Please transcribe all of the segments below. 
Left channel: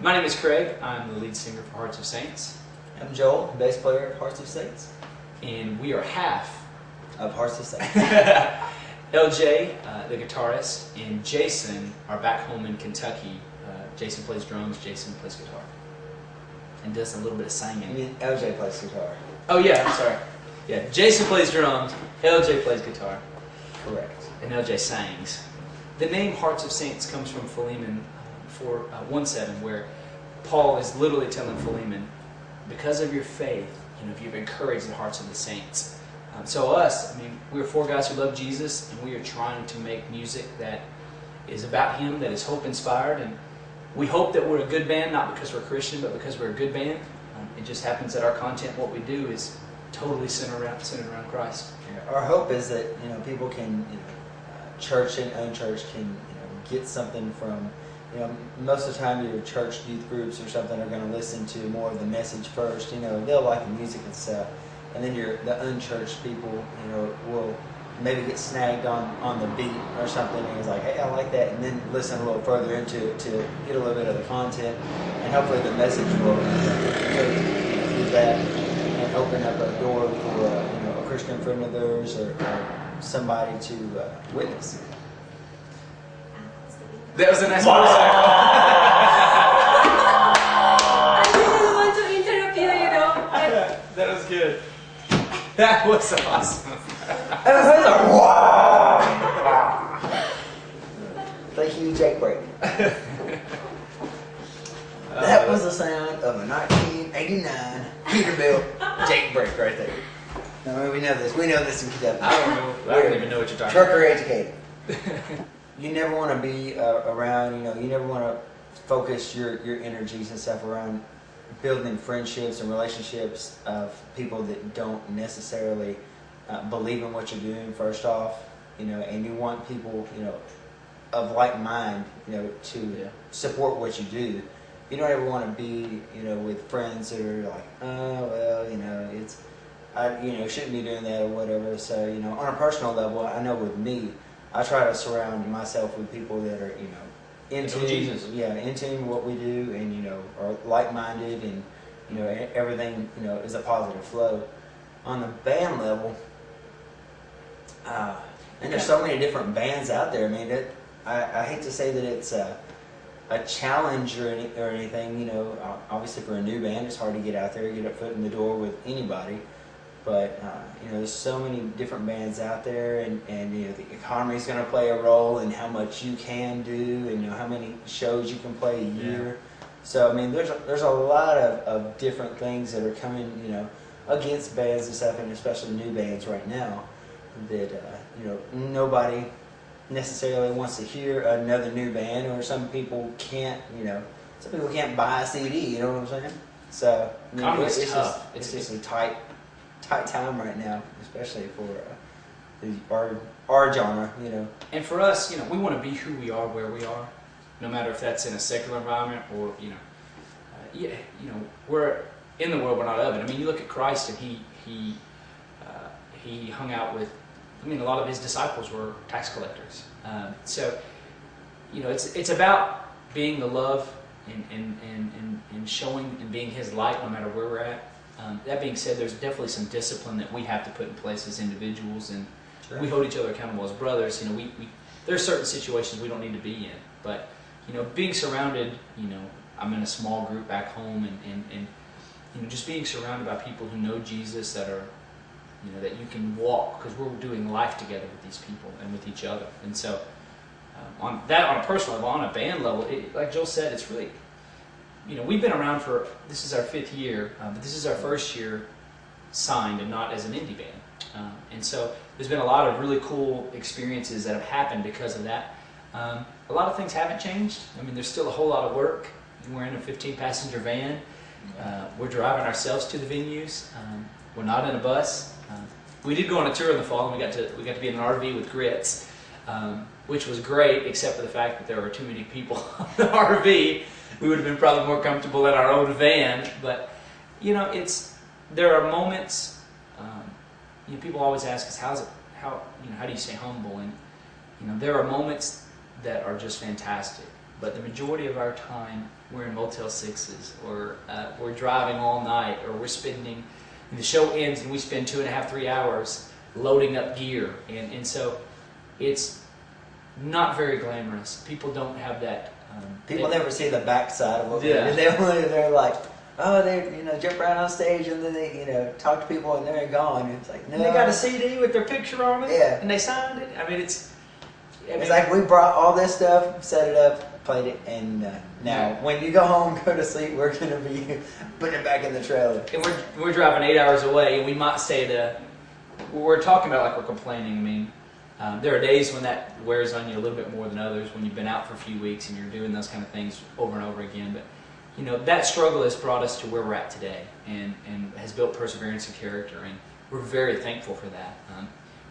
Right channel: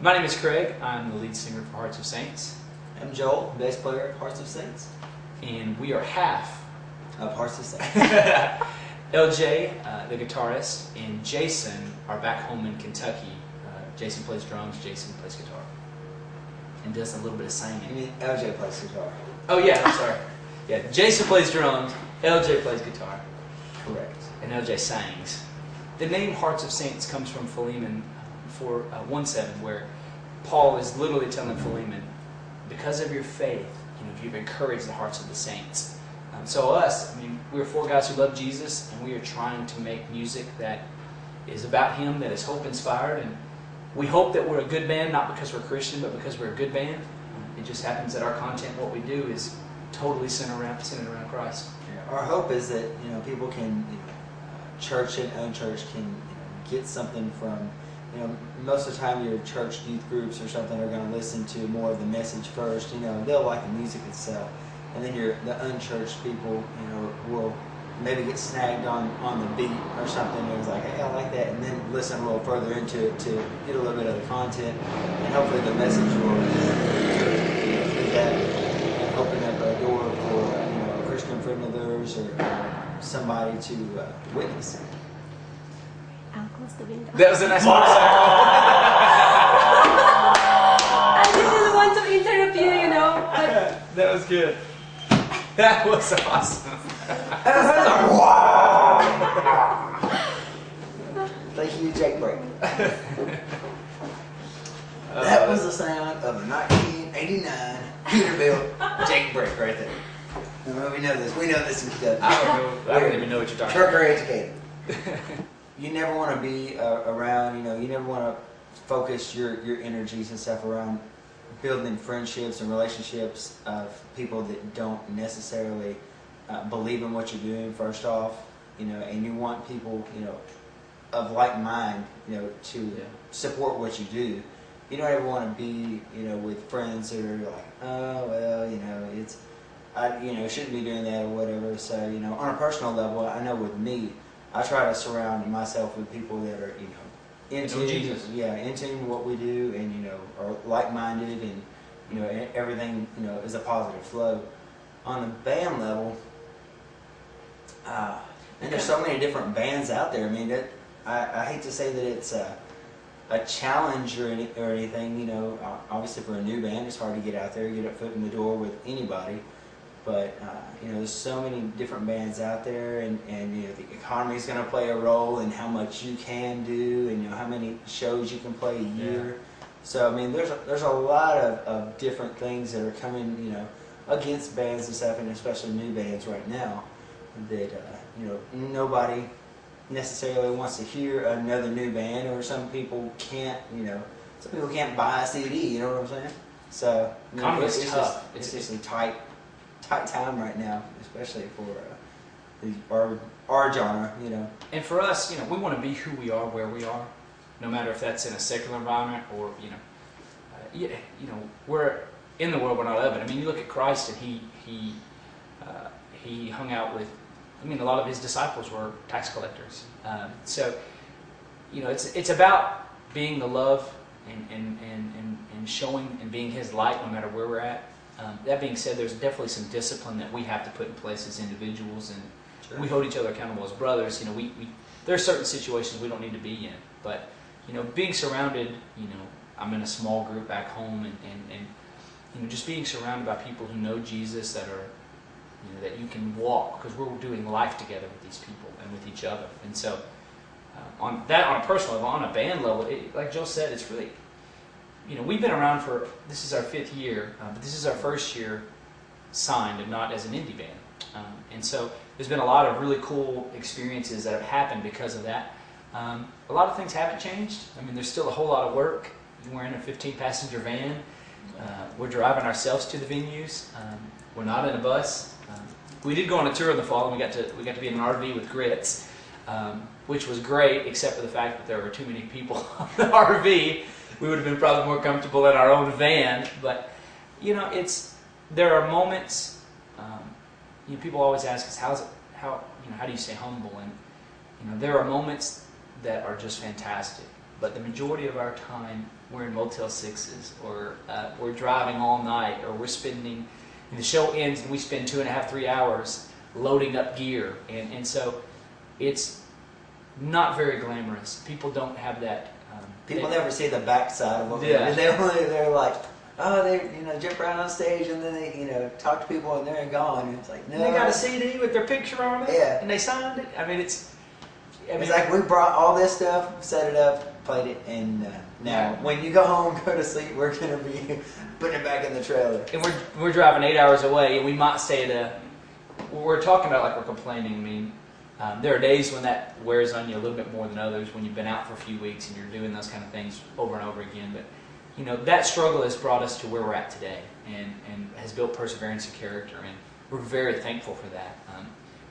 My name is Craig. I'm the lead singer for Hearts of Saints. I'm Joel, bass player at Hearts of Saints. And we are half of Hearts of Saints. LJ, the guitarist, and Jason are back home in Kentucky. Jason plays drums, Jason plays guitar. And does a little bit of singing. You mean LJ plays guitar? Oh yeah, I'm sorry. Yeah, Jason plays drums, LJ plays guitar. Correct. And LJ sings. The name Hearts of Saints comes from Philemon 4:1-7, where Paul is literally telling Philemon, because of your faith, you've encouraged the hearts of the saints. So us, we're four guys who love Jesus, and we are trying to make music that is about Him, that is hope-inspired, and we hope that we're a good band, not because we're Christian, but because we're a good band. It just happens that our content, what we do, is totally centered around Christ. Yeah, our hope is that people can, church and unchurched can get something from. Most of the time your church youth groups or something are going to listen to more of the message first. They'll like the music itself, and then the unchurched people, will maybe get snagged on the beat or something, and it's like, hey, I like that, and then listen a little further into it to get a little bit of the content, and hopefully the message will do that and open up a door for a Christian friend of theirs or somebody to witness. That was a nice motorcycle. I didn't want to interrupt you, That was good. That was awesome. Thank you, Jake Break. That was the sound of a 1989 Peterbilt Jake Break right there. We know this. We know this in Kentucky. I don't even know what you're talking about. Trucker educated. You never want to be around, you never want to focus your energies and stuff around building friendships and relationships of people that don't necessarily believe in what you're doing, first off, and you want people, of like mind, to support what you do. You don't ever want to be, with friends that are like, oh, well, I shouldn't be doing that or whatever. So, on a personal level, I know with me, I try to surround myself with people that are, into Jesus. Yeah, into what we do, and are like-minded, and everything is a positive flow. On the band level, and there's so many different bands out there. I hate to say that it's a challenge or anything. Obviously for a new band, it's hard to get out there, get a foot in the door with anybody. But there's so many different bands out there, and the economy is going to play a role in how much you can do, and how many shows you can play a year. Yeah. So there's a lot of different things that are coming against bands and stuff, and especially new bands right now that nobody necessarily wants to hear another new band, or some people can't buy a CD. You know what I'm saying? So it's tough. It's just a tight time right now, especially for our genre, And for us, we want to be who we are, where we are, no matter if that's in a secular environment or we're in the world, we're not of it. You look at Christ, and he hung out with. A lot of his disciples were tax collectors. So it's about being the love and showing and being His light, no matter where we're at. That being said, there's definitely some discipline that we have to put in place as individuals, and sure, we hold each other accountable as brothers. There are certain situations we don't need to be in, but being surrounded. I'm in a small group back home, and just being surrounded by people who know Jesus, that are that you can walk, because we're doing life together with these people and with each other. And so on a personal level, on a band level, like Joel said, it's really. We've been around this is our 5th year, but this is our first year signed and not as an indie band. And so there's been a lot of really cool experiences that have happened because of that. A lot of things haven't changed. There's still a whole lot of work. We're in a 15-passenger van. We're driving ourselves to the venues. We're not in a bus. We did go on a tour in the fall, and we got to be in an RV with Grits, which was great, except for the fact that there were too many people on the RV. We would have been probably more comfortable in our own van, but there are moments. People always ask us, how do you stay humble? And there are moments that are just fantastic. but the majority of our time we're in Motel 6s, or we're driving all night, or we're spending, and the show ends and we spend 2.5, 3 hours loading up gear, and so it's not very glamorous. People don't have that. People never see the backside of what they Yeah. do. They're like, oh, they jump around on stage and then they talk to people and they're gone. And it's like, no. And they got a CD with their picture on it, Yeah. and they signed it. I mean, it's like we brought all this stuff, set it up, played it, and now when you go home, go to sleep, we're gonna be putting it back in the trailer. And we're driving 8 hours away, and we might stay at a. We're talking about like we're complaining. I mean, there are days when that wears on you a little bit more than others. When you've been out for a few weeks and you're doing those kind of things over and over again, but that struggle has brought us to where we're at today, and has built perseverance and character, and we're very thankful for that.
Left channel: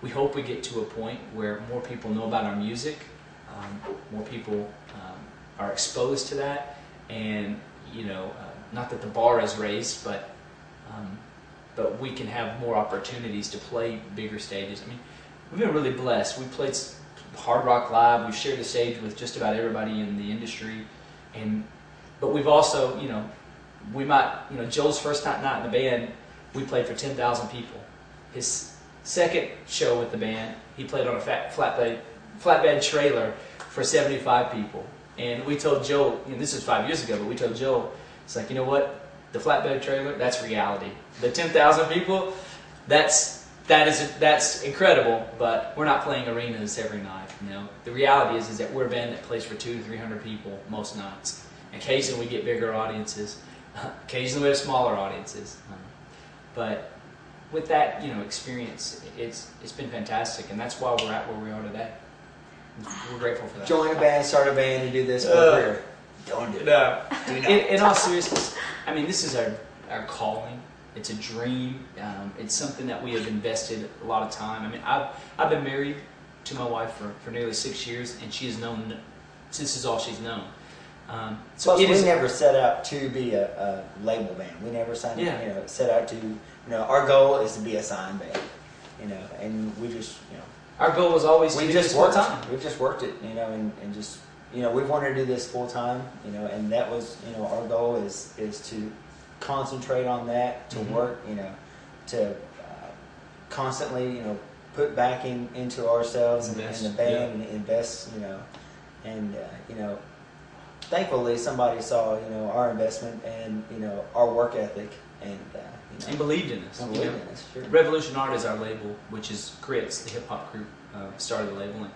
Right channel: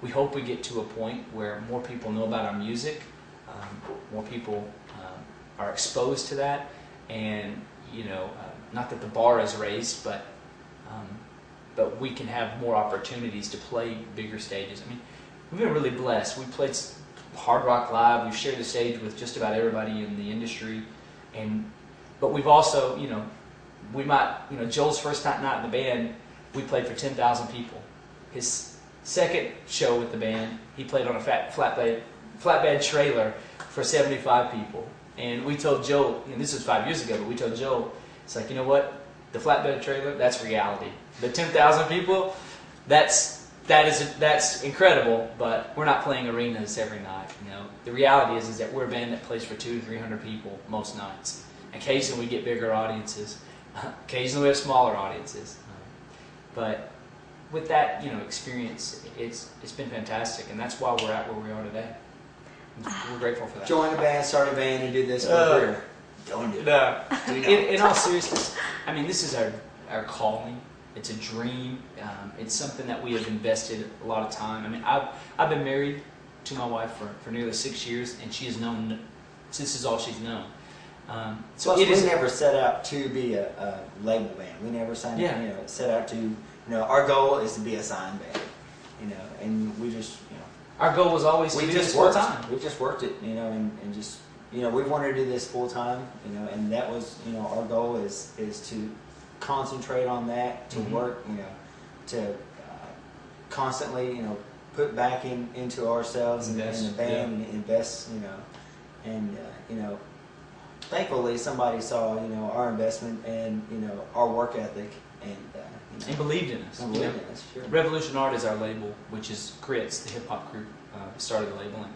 We hope we get to a point where more people know about our music, more people are exposed to that, and not that the bar is raised, but we can have more opportunities to play bigger stages. I mean, we've been really blessed. We played Hard Rock Live. We've shared the stage with just about everybody in the industry, but we've also, Joel's first night in the band, we played for 10,000 people. His second show with the band, he played on a flatbed trailer for 75 people. And we told Joe, this was 5 years ago, but we told Joe, it's like, you know what? The flatbed trailer, that's reality. The 10,000 people, that's incredible, but we're not playing arenas every night. The reality is that we're a band that plays for 200 to 300 people most nights. Occasionally we get bigger audiences. Occasionally we have smaller audiences. But with that, experience, it's been fantastic, and that's why we're at where we are today. We're grateful for that. Join a band, start a band, and do this for a career. Don't do it. No. Do not. In all seriousness, I mean, this is our calling. It's a dream. It's something that we have invested a lot of time. I mean, I've been married to my wife for nearly 6 years, and she has known, this is all she's known. Plus, we never set out to be a label band. We never signed, set out to, our goal is to be a signed band, and we just, our goal was always to do this full time. We've just worked it, and just, we've wanted to do this full time, and that was, our goal is to concentrate on that, to work, to constantly, put back into ourselves and the band and invest, and thankfully somebody saw, our investment and, our work ethic and believed in us. And believed in us, sure. Revolution Art is our label, which is Grits, the hip hop group, started the label, and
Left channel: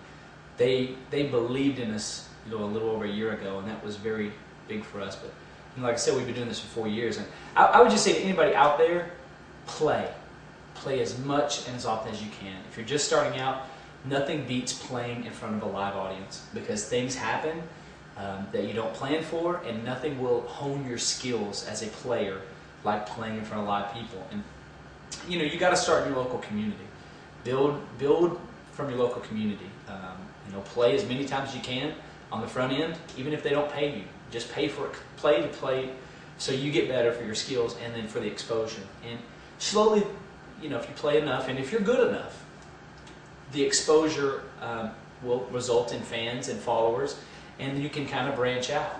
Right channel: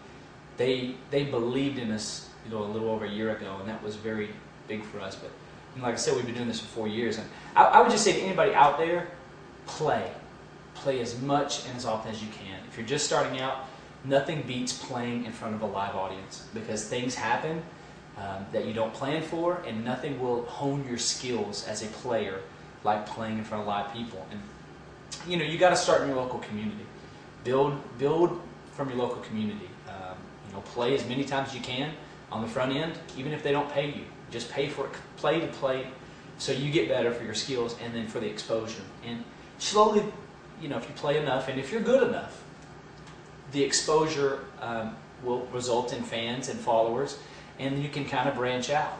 they believed in us, a little over a year ago, and that was very big for us. But like I said, we've been doing this for 4 years, and I would just say to anybody out there, play as much and as often as you can. If you're just starting out, nothing beats playing in front of a live audience, because things happen that you don't plan for, and nothing will hone your skills as a player like playing in front of live people. And you got to start in your local community. Build from your local community. Play as many times as you can on the front end, even if they don't pay you. Just pay for it. Play to play, so you get better for your skills, and then for the exposure. And slowly, if you play enough, and if you're good enough, the exposure will result in fans and followers, and you can kind of branch out.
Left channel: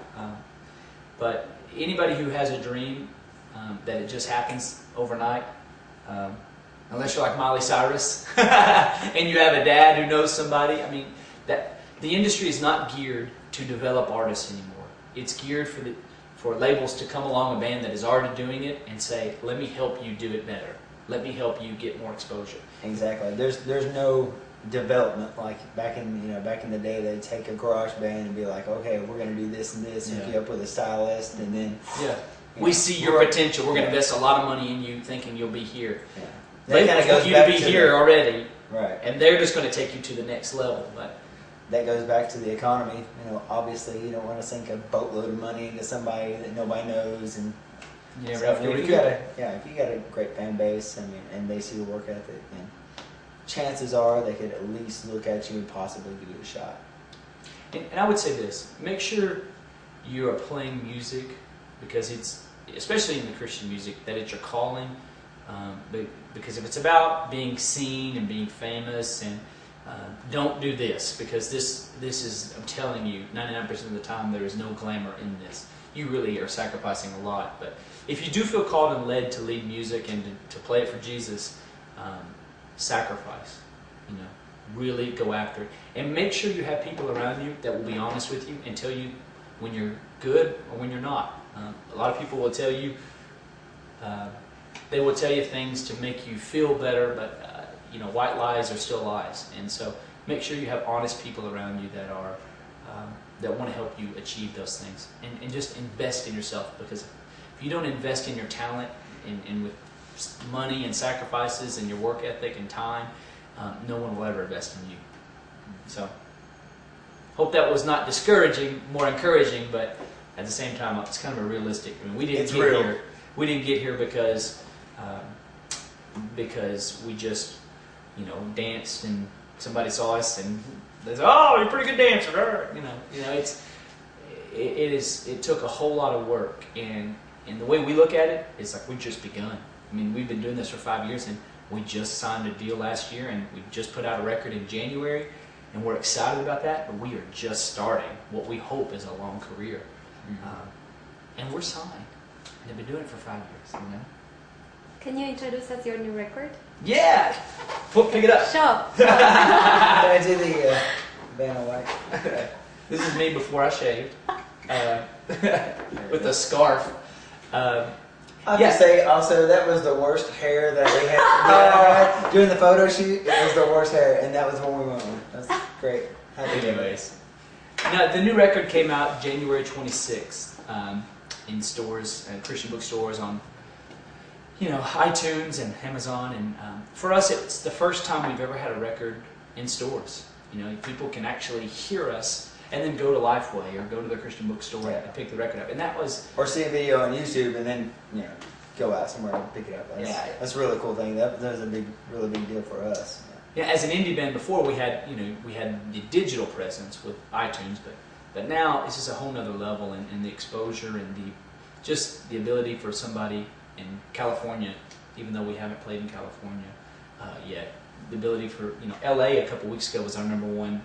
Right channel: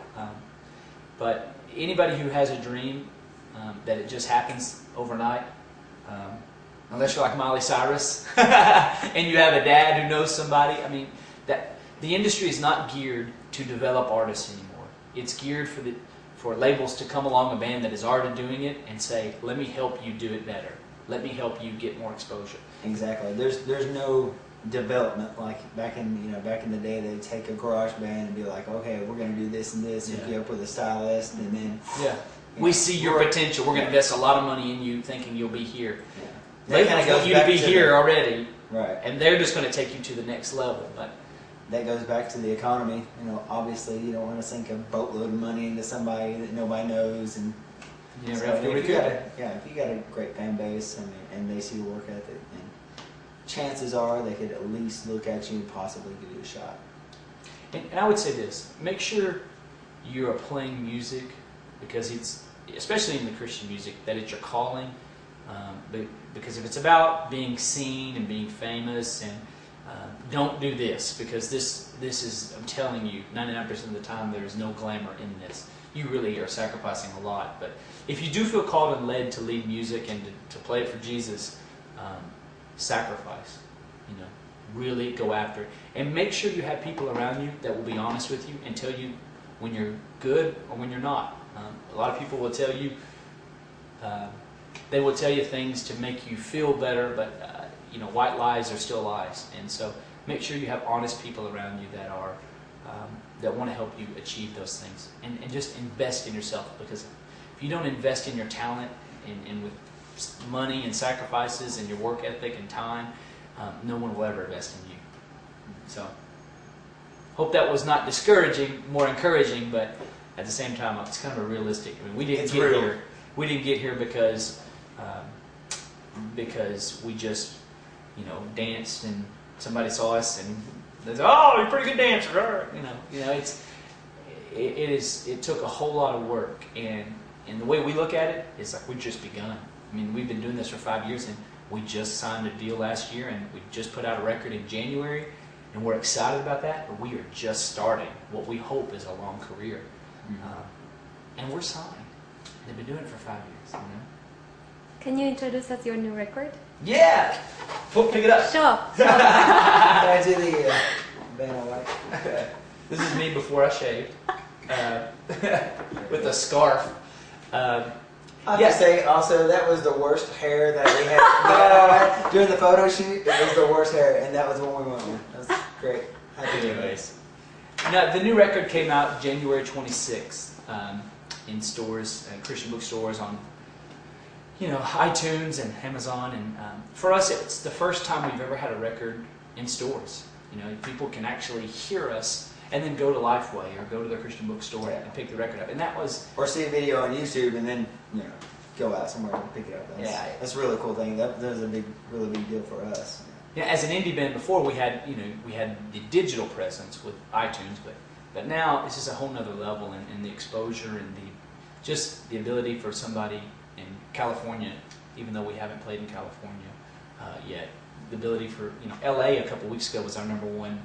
But anybody who has a dream that it just happens overnight, unless you're like Miley Cyrus and you have a dad who knows somebody, I mean, that the industry is not geared to develop artists anymore. It's geared for labels to come along a band that is already doing it and say, let me help you do it better. Let me help you get more exposure. Exactly. There's no development like back in the day. They'd take a garage band and be like, okay, we're going to do this and this, hook you up with a stylist, and then we see your potential. We're going to invest a lot of money in you, thinking you'll be here. Yeah. Labels want you to be here already, right? And they're just going to take you to the next level. But that goes back to the economy. Obviously, you don't want to sink a boatload of money into somebody that nobody knows, and you never so, have to if you got a great fan base, and they see your work ethic, and chances are they could at least look at you and possibly give you a shot. And I would say this: make sure you are playing music, because it's, especially in the Christian music, that it's your calling. Because if it's about being seen and being famous and don't do this, because this is, I'm telling you, 99% of the time there is no glamour in this. You really are sacrificing a lot. But if you do feel called and led to lead music and to play it for Jesus, sacrifice. Really go after it. And make sure you have people around you that will be honest with you and tell you when you're good or when you're not. A lot of people will tell you, they will tell you things to make you feel better, but white lies are still lies. And so make sure you have honest people around you that are that want to help you achieve those things. And just invest in yourself, because if you don't invest in your talent and with money and sacrifices and your work ethic and time, no one will ever invest in you. So hope that was not discouraging, more encouraging, but at the same time it's kind of a realistic. I mean, we didn't get here. We didn't get here because we just danced and somebody saw us and they said, "Oh, you're a pretty good dancer." It took a whole lot of work, and the way we look at it is like we've just begun. I mean, we've been doing this for 5 years, and we just signed a deal last year, and we just put out a record in January, and we're excited about that. But we are just starting what we hope is a long career, and we're signed. And they've been doing it for 5 years. Can you introduce us your new record? Yeah, pick it up. Sure. Can I do the Vanna White? This is me before I shaved, with a scarf. I have to say, also, that was the worst hair that we had. During the photo shoot, it was the worst hair, and that was when we went with. That was great. Anyways, the new record came out January 26th in stores, Christian bookstores, on iTunes and Amazon. And for us, it's the first time we've ever had a record in stores. People can actually hear us and then go to Lifeway or go to their Christian bookstore and pick the record up. And that was... Or see a video on YouTube and then, go out somewhere and pick it up. That's a really cool thing. That was a really big deal for us. Yeah, as an indie band before, we had the digital presence with iTunes, but now it's just a whole nother level, and the exposure and the ability for somebody in California, even though we haven't played in California yet, the ability for LA a couple weeks ago was our number one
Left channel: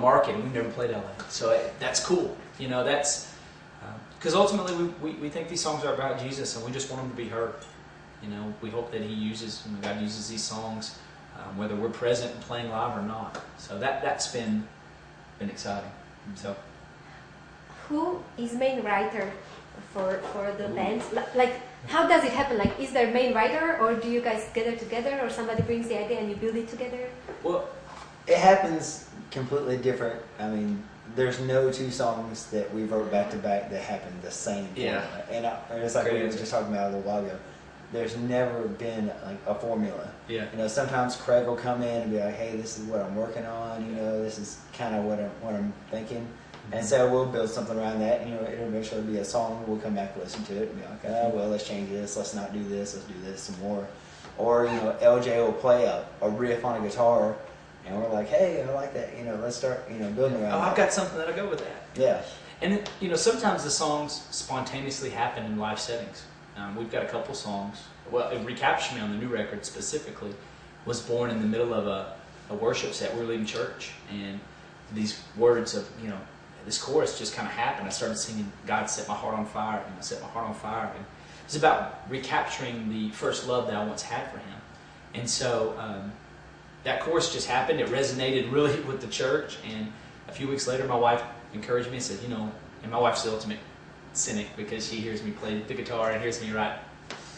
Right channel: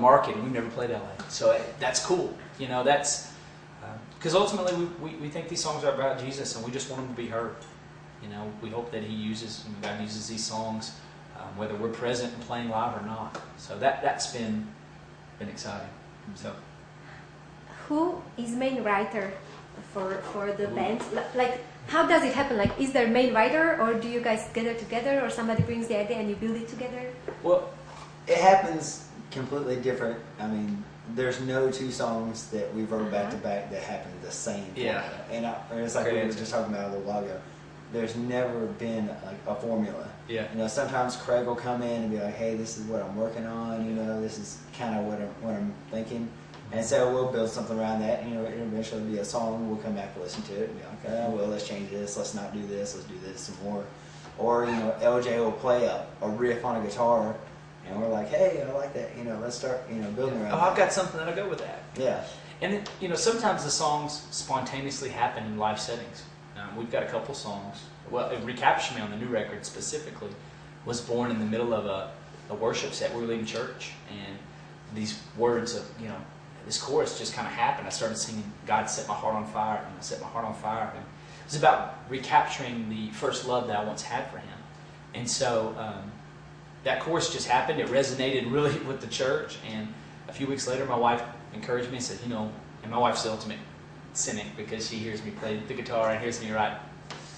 market, and we've never played LA, so that's cool. That's because ultimately we think these songs are about Jesus, and we just want them to be heard. We hope that God uses these songs, whether we're present and playing live or not. So that's been exciting. So, who is main writer for the band? Like, how does it happen? Like, is there a main writer, or do you guys get it together, or somebody brings the idea and you build it together? Well, it happens completely different. I mean, there's no two songs that we wrote back to back that happen the same. Yeah. And it's like we were just talking about a little while ago. There's never been like a formula. Yeah. Sometimes Craig will come in and be like, "Hey, this is what I'm working on. This is kind of what I'm thinking." And so we'll build something around that. It'll eventually be a song. We'll come back, listen to it, and be like, well, let's change this. Let's not do this. Let's do this some more. Or LJ will play a riff on a guitar, and we're like, hey, I like that. Let's start building around. I've got something that'll go with that. Yeah. And sometimes the songs spontaneously happen in live settings. We've got a couple songs. Well, Recapture Me on the new record specifically was born in the middle of a worship set. We were leading church, and these words of this chorus just kind of happened. I started singing, "God set my heart on fire," and I set my heart on fire. And it was about recapturing the first love that I once had for Him. And so that chorus just happened. It resonated really with the church. And a few weeks later, my wife encouraged me and said, and my wife's the ultimate cynic, because she hears me play the guitar and hears me write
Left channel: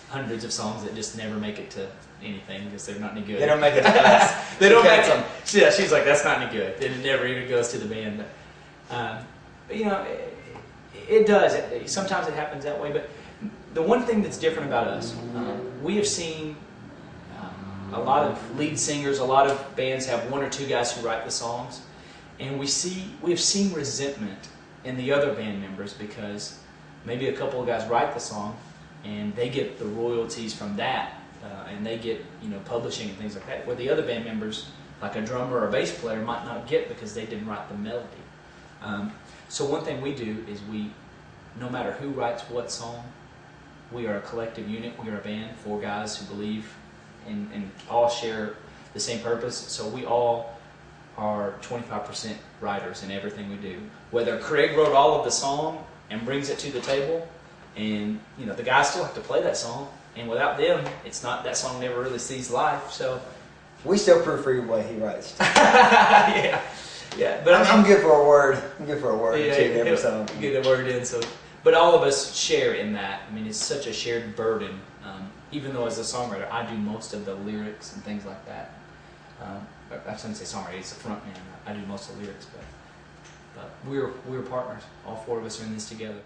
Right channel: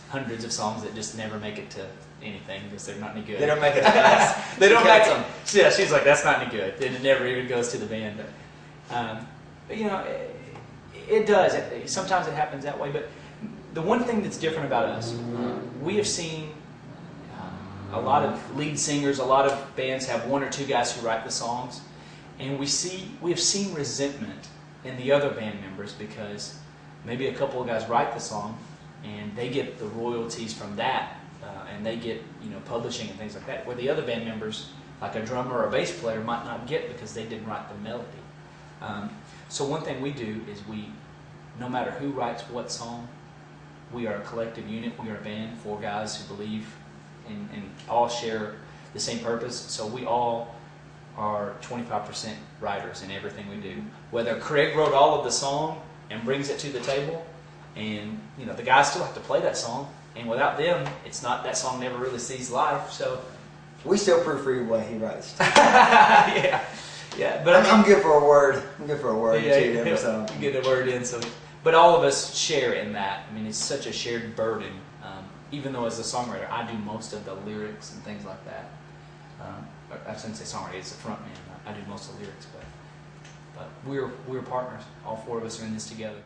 hundreds of songs that just never make it to anything because they're not any good. They don't make it to us. They don't make them. Yeah, she's like, that's not any good. And it never even goes to the band. But it does. Sometimes it happens that way. But the one thing that's different about us, we have seen a lot of lead singers, a lot of bands have one or two guys who write the songs, and we have seen resentment in the other band members because maybe a couple of guys write the song and they get the royalties from that, and they get publishing and things like that, where the other band members, like a drummer or a bass player, might not get because they didn't write the melody. So one thing we do is no matter who writes what song, we are a collective unit. We are a band, 4 guys who believe and all share the same purpose. So we all are 25% writers in everything we do. Whether Craig wrote all of the song and brings it to the table, and the guys still have to play that song, and without them, it's not, that song never really sees life. So we still proofread what he writes. yeah, but I'm good for a word. I'm good for a word yeah, too. Every song. Get the word in. So, but all of us share in that. I mean, it's such a shared burden. Even though as a songwriter, I do most of the lyrics and things like that. I shouldn't say songwriter; it's a front man. I do most of the lyrics, but we're partners. All four of us are in this together.